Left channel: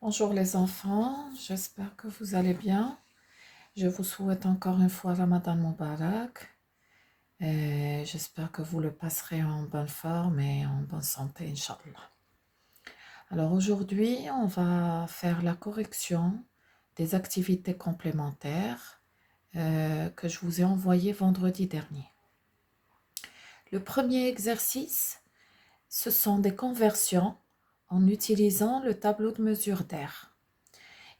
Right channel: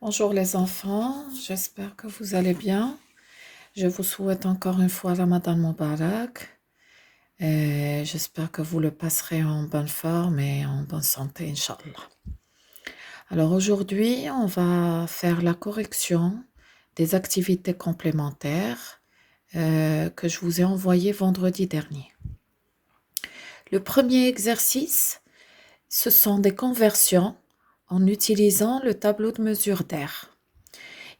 Bonjour les enfants, j'espère que vous allez bien. Je vous souhaite encore une fois Ramadan Mubarak et j'espère que vous le passerez en bonne forme et en bonne santé, Inch'Allah. Alors aujourd'hui, on va faire la correction des activités complémentaires que je vous ai envoyées vendredi dernier. Le premier exercice, ce sont des conversions en utilisant le tableau de mesure d'air.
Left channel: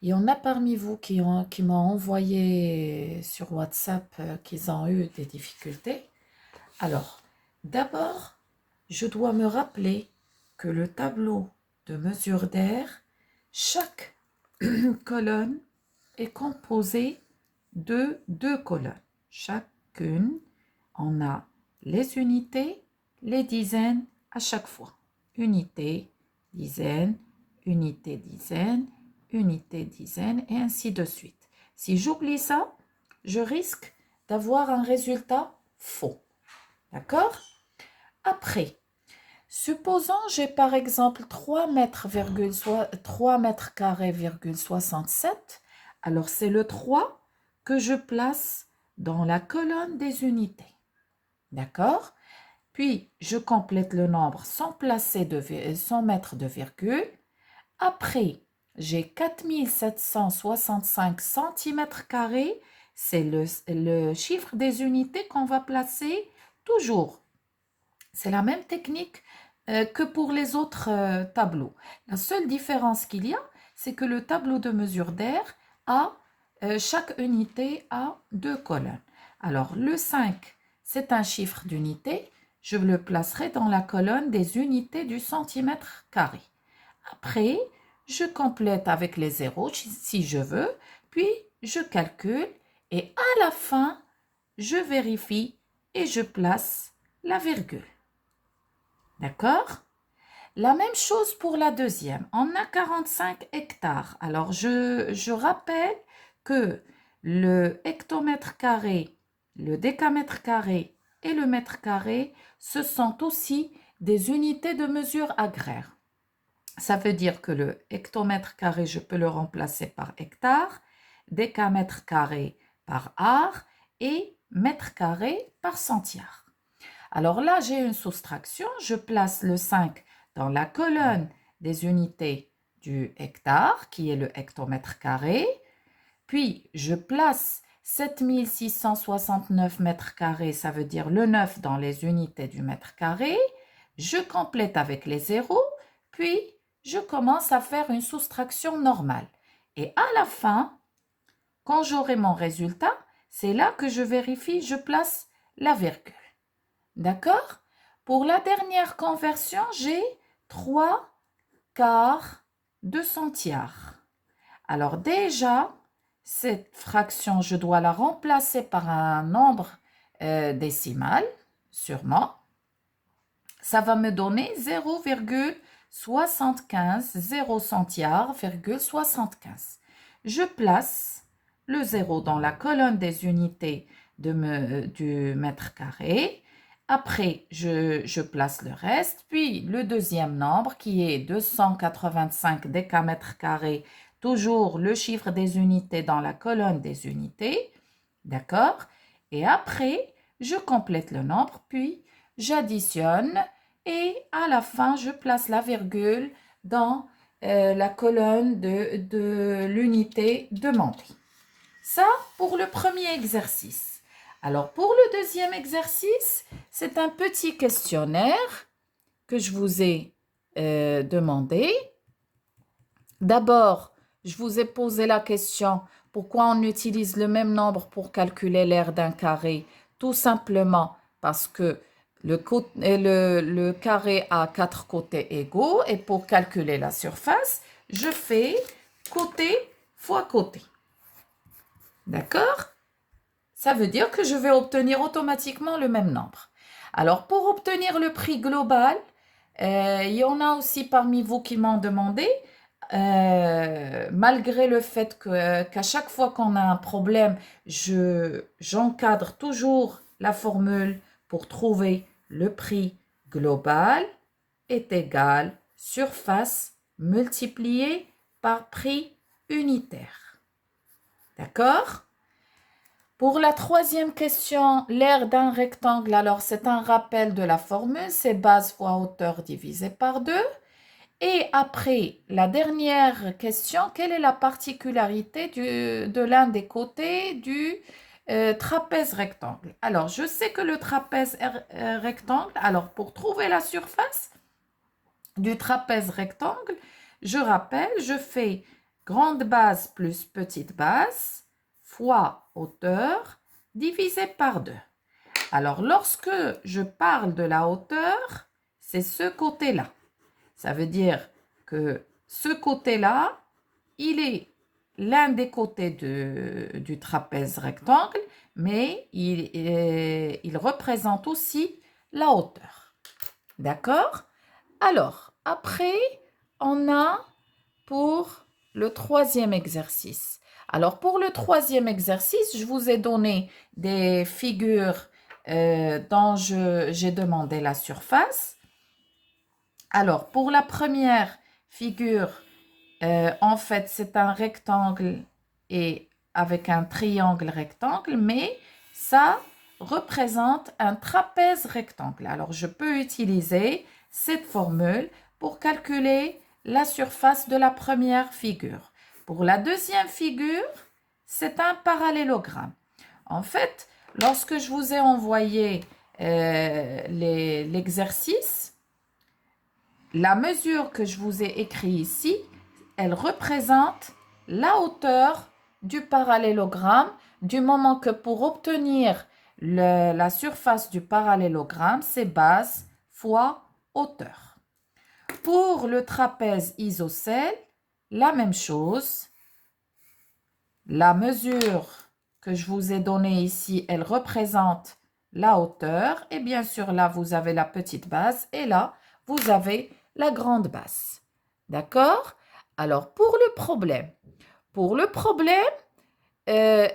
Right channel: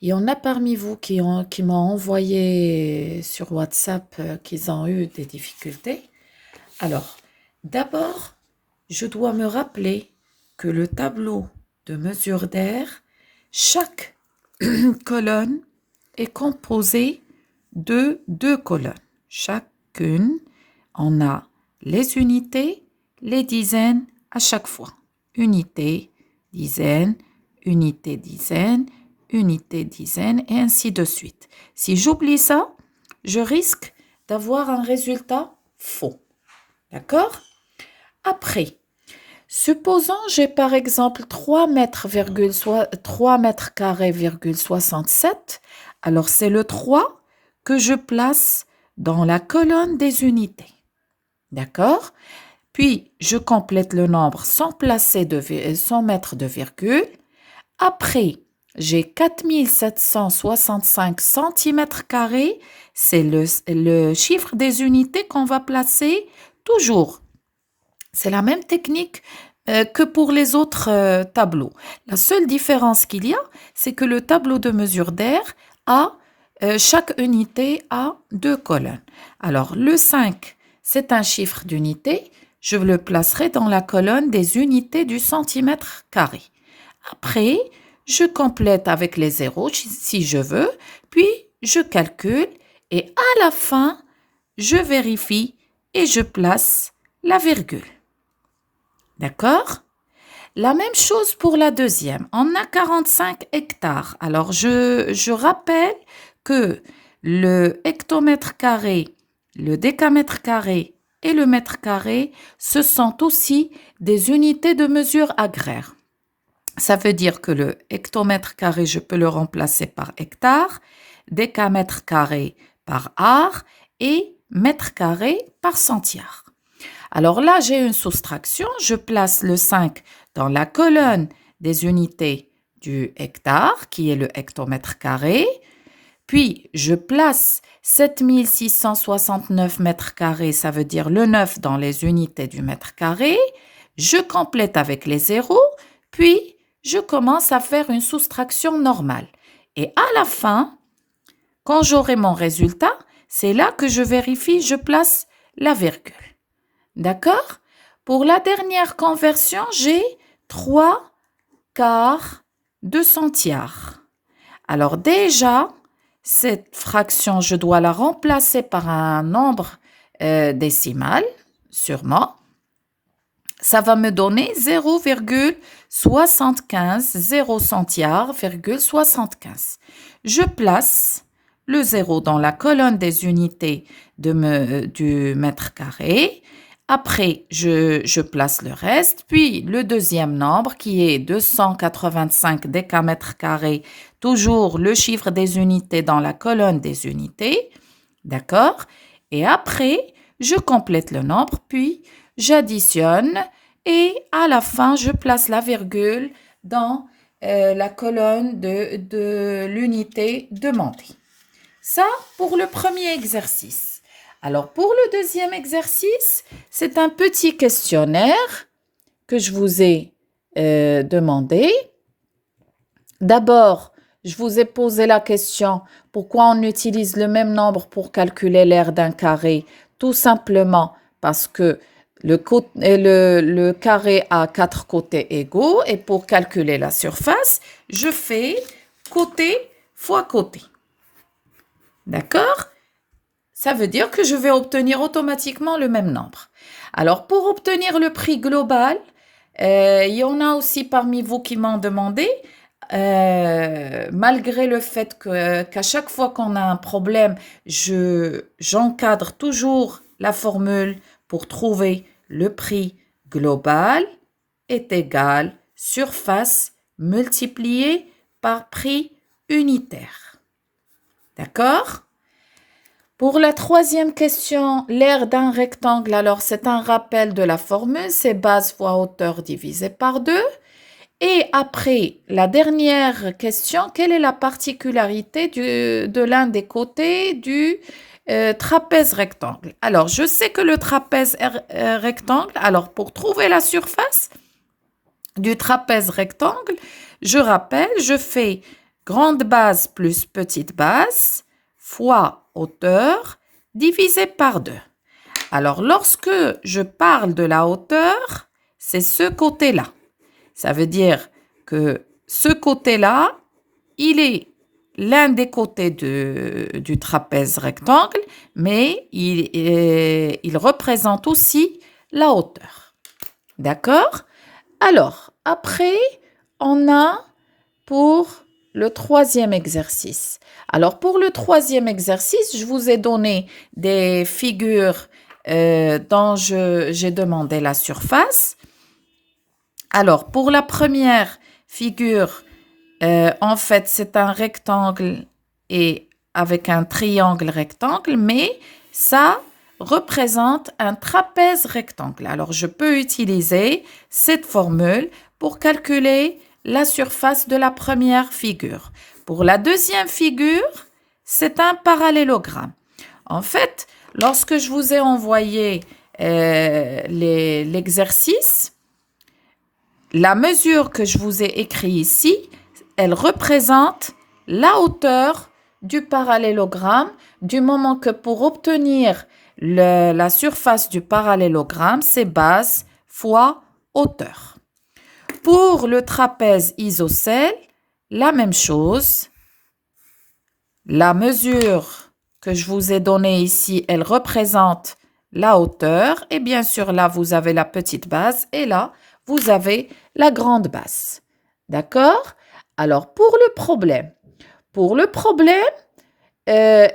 Il y en a parmi vous qui m'ont envoyé sur WhatsApp qu'ils ont eu des difficultés. Alors, d'abord, je dois me rappeler que le tableau de mesure d'air, chaque colonne est composée de deux colonnes. Chacune, on a les unités, les dizaines à chaque fois. Unité, dizaine, unité, dizaine, unité, dizaine, et ainsi de suite. Si j'oublie ça, je risque d'avoir un résultat faux. D'accord? Après, supposons j'ai par exemple 3 mètres carrés, 67. Alors c'est le 3 que je place dans la colonne des unités. D'accord? Puis je complète le nombre sans mettre de virgule. Après, j'ai 4765 cm². C'est le chiffre des unités qu'on va placer toujours. C'est la même technique que pour les autres tableaux. La seule différence qu'il y a, c'est que le tableau de mesure d'air a, chaque unité a deux colonnes. Alors, le 5, c'est un chiffre d'unité. Je le placerai dans la colonne des unités du centimètre carré. Après, je complète avec les zéros si je veux, puis je calcule et à la fin, je vérifie et je place la virgule. D'accord? La même chose pour la deuxième. On a 45 hectares. Alors, je rappelle que le hectomètre carré, le décamètre carré et le mètre carré, ce sont aussi des unités de mesure agraire. Ça veut dire que le hectomètre carré, je peux le remplacer par hectare, décamètre carré par art et mètre carré par centiare. Alors là, j'ai une soustraction. Je place le 5 dans la colonne des unités du hectare, qui est le hectomètre carré. Puis, je place 7669 mètres carrés, ça veut dire le 9 dans les unités du mètre carré. Je complète avec les zéros, puis je commence à faire une soustraction normale. Et à la fin, quand j'aurai mon résultat, c'est là que je vérifie, je place la virgule. D'accord? Pour la dernière conversion, j'ai 3 quarts de centiare. Alors déjà, cette fraction, je dois la remplacer par un nombre décimal, sûrement. Ça va me donner 0,75, 0 centiare, 75. Je place le 0 dans la colonne des unités du mètre carré. Après, je place le reste, puis le deuxième nombre qui est 285 décamètres carrés, toujours le chiffre des unités dans la colonne des unités, d'accord? Et après, je complète le nombre, puis j'additionne et à la fin, je place la virgule dans la colonne de l'unité demandée. Ça pour le premier exercice. Alors, pour le deuxième exercice, c'est un petit questionnaire que je vous ai demandé. D'abord, je vous ai posé la question, pourquoi on utilise le même nombre pour calculer l'aire d'un carré? Tout simplement parce que le carré a 4 côtés égaux et pour calculer la surface, je fais côté fois côté. D'accord? Ça veut dire que je vais obtenir automatiquement le même nombre. Alors, pour obtenir le prix global, il y en a aussi parmi vous qui m'ont demandé, malgré le fait qu'à chaque fois qu'on a un problème, j'encadre toujours la formule pour trouver le prix global est égal surface multiplié par prix unitaire. D'accord? Pour la troisième question, l'aire d'un rectangle, alors c'est un rappel de la formule, c'est base fois hauteur divisé par 2. Et après, la dernière question, quelle est la particularité de l'un des côtés du trapèze rectangle? Alors, je sais que le trapèze rectangle, alors pour trouver la surface du trapèze rectangle, je rappelle, je fais grande base plus petite base fois hauteur divisé par 2. Alors, lorsque je parle de la hauteur, c'est ce côté-là. Ça veut dire que ce côté-là, il est l'un des côtés du trapèze rectangle, mais il représente aussi la hauteur. D'accord? Alors, après, on a pour le troisième exercice. Alors, pour le troisième exercice, je vous ai donné des figures dont j'ai demandé la surface. Alors, pour la première figure, en fait, c'est un rectangle et avec un triangle rectangle, mais ça représente un trapèze rectangle. Alors, je peux utiliser cette formule pour calculer la surface de la première figure. Pour la deuxième figure, c'est un parallélogramme. En fait, lorsque je vous ai envoyé l'exercice, la mesure que je vous ai écrite ici, elle représente la hauteur du parallélogramme, du moment que pour obtenir la surface du parallélogramme, c'est base fois hauteur. Pour le trapèze isocèle, la même chose. La mesure que je vous ai donnée ici, elle représente la hauteur. Et bien sûr, là, vous avez la petite base. Et là, vous avez la grande base. D'accord? Alors, pour le problème,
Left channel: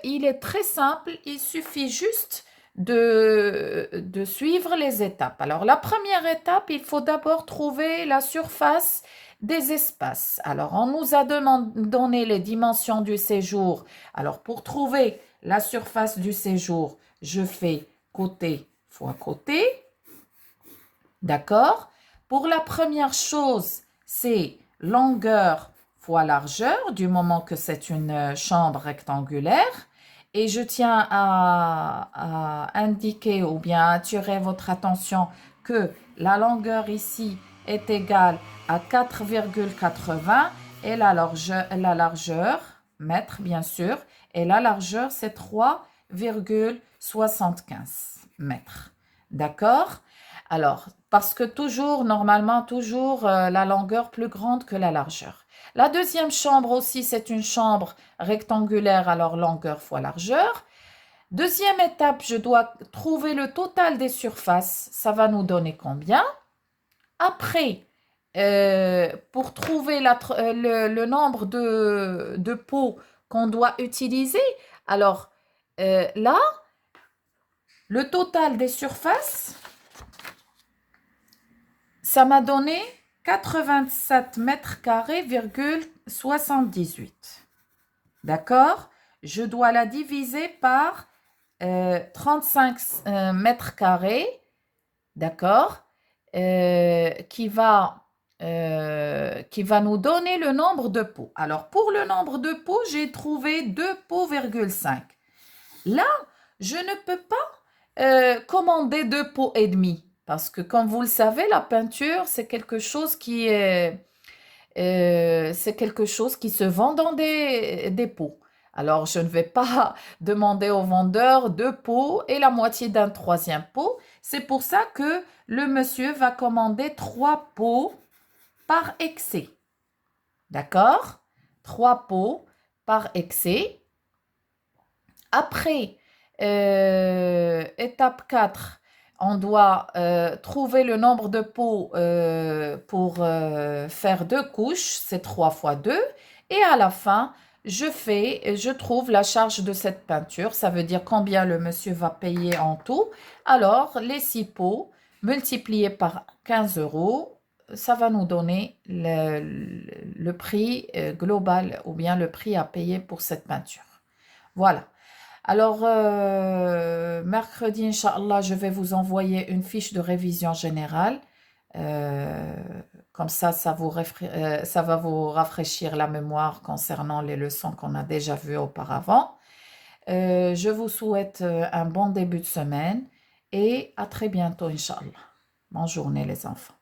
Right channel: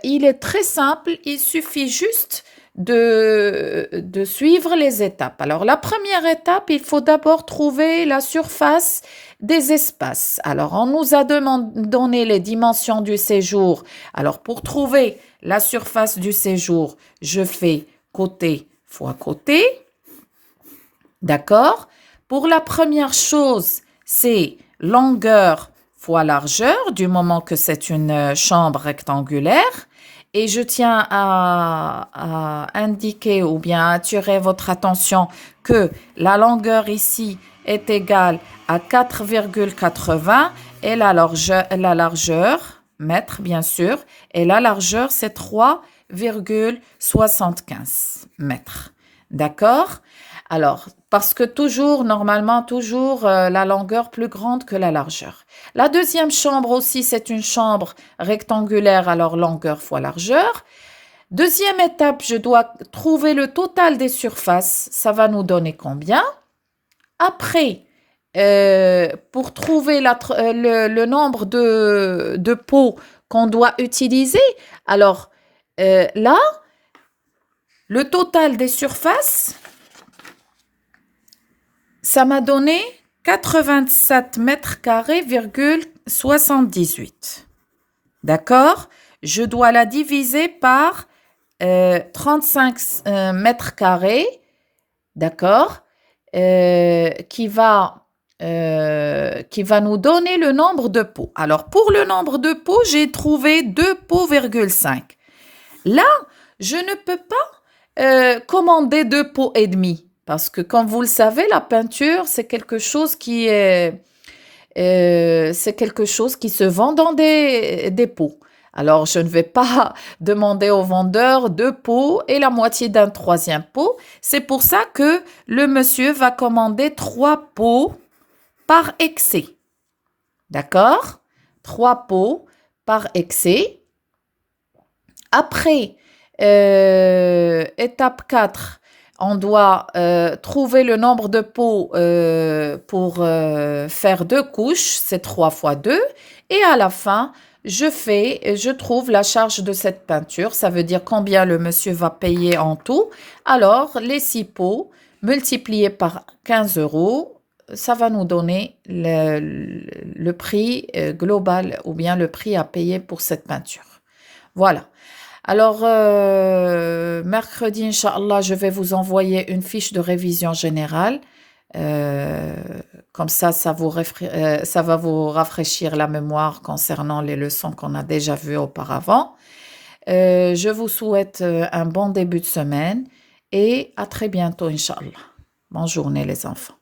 il est très simple. Il suffit juste de suivre les étapes. Alors, la première étape, il faut d'abord trouver la surface des espaces. Alors, on nous a donné les dimensions du séjour. Alors, pour trouver la surface du séjour, je fais côté fois côté. D'accord? Pour la première chose, c'est longueur fois largeur, du moment que c'est une chambre rectangulaire. Et je tiens à indiquer ou bien attirer votre attention que la longueur ici est égale à 4,80 et la largeur, mètre bien sûr, et la largeur c'est 3,75 mètres. D'accord? Alors, parce que normalement, la longueur plus grande que la largeur. La deuxième chambre aussi, c'est une chambre rectangulaire, alors longueur fois largeur. Deuxième étape, je dois trouver le total des surfaces. Ça va nous donner combien? Après, pour trouver le nombre de pots qu'on doit utiliser, alors là, le total des surfaces, ça m'a donné 87 mètres carrés, 78. D'accord? Je dois la diviser par 35 mètres carrés, d'accord? Qui va nous donner le nombre de pots. Alors, pour le nombre de pots, j'ai trouvé 2 pots,5. Là, je ne peux pas commander 2 pots et demi. Parce que, comme vous le savez, la peinture, c'est quelque chose qui se vend dans des pots. Alors, je ne vais pas demander au vendeur 2 pots et la moitié d'un troisième pot. C'est pour ça que le monsieur va commander 3 pots par excès. D'accord? 3 pots par excès. Après, étape 4. On doit trouver le nombre de pots pour faire 2 couches, c'est 3 fois 2. Et à la fin, je trouve la charge de cette peinture. Ça veut dire combien le monsieur va payer en tout. Alors, les 6 pots multipliés par 15 €, ça va nous donner le prix global ou bien le prix à payer pour cette peinture. Voilà. Alors, mercredi, Inch'Allah, je vais vous envoyer une fiche de révision générale. Euh, Comme ça va vous rafraîchir la mémoire concernant les leçons qu'on a déjà vues auparavant. Je vous souhaite un bon début de semaine et à très bientôt, Inch'Allah. Bonne journée, les enfants.